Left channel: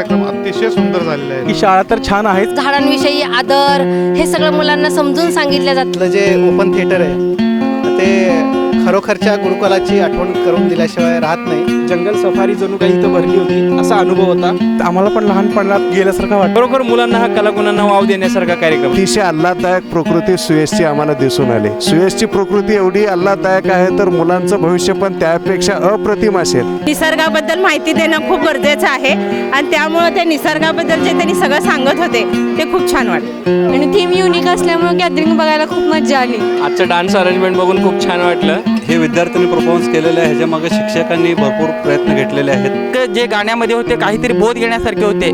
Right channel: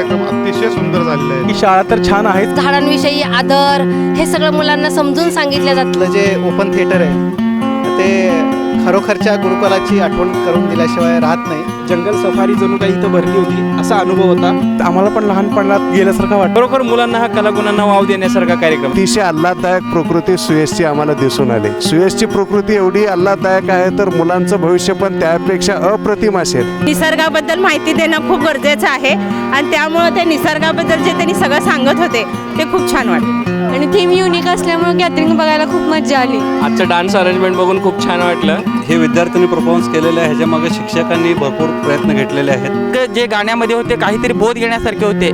कार्यक्रम अतिशय सुंदर झालेला आहे. ही शाळा तर छान आहे. झाडांविषयी आदर हे सगळं मुलांना समजून सांगितलं जातं. आपलं जे ओपन थिएटर आहे ते खरोखरच्या गुरुकुलाची आठवण करून दिल्याशिवाय राहत नाही. जंगल सफारी जणू काही इथं भरली होती असा अनुभव होता. आम्हाला पण लहानपणात गेल्यासारखं वाटतं. खरोखर मुलांना हा कलागुणांना वाव देण्यासारखा कार्यक्रम. अतिशय आल्हाददायक प्रकृती सुयशची आम्हाला दिसून आली. सुयशची प्रकृती एवढी आल्हाददायक आहे तर मुलांचं भविष्य पण त्यापेक्षा अप्रतिम असेल. निसर्गाबद्दल माहिती देणं खूप गरजेचं आहे आणि त्यामुळे ते निसर्गाबद्दल जे त्यांनी सगळं सांगत होते ते खूप छान वाटलं आणि थीम युनिक असल्यामुळे गॅदरिंग बघायला खूप मजा आली. आजचं डान्स अरेंजमेंट बघून खूप छान वाटलं. हे विद्यार्थ्यांनी परफॉर्मन्स केलेले आहे, ह्याच्यामागे शिक्षकांनी भरपूर प्रयत्न घेतलेले आहेत. जे गाण्यामध्ये होते काहीतरी बोध घेण्यासारखे होते.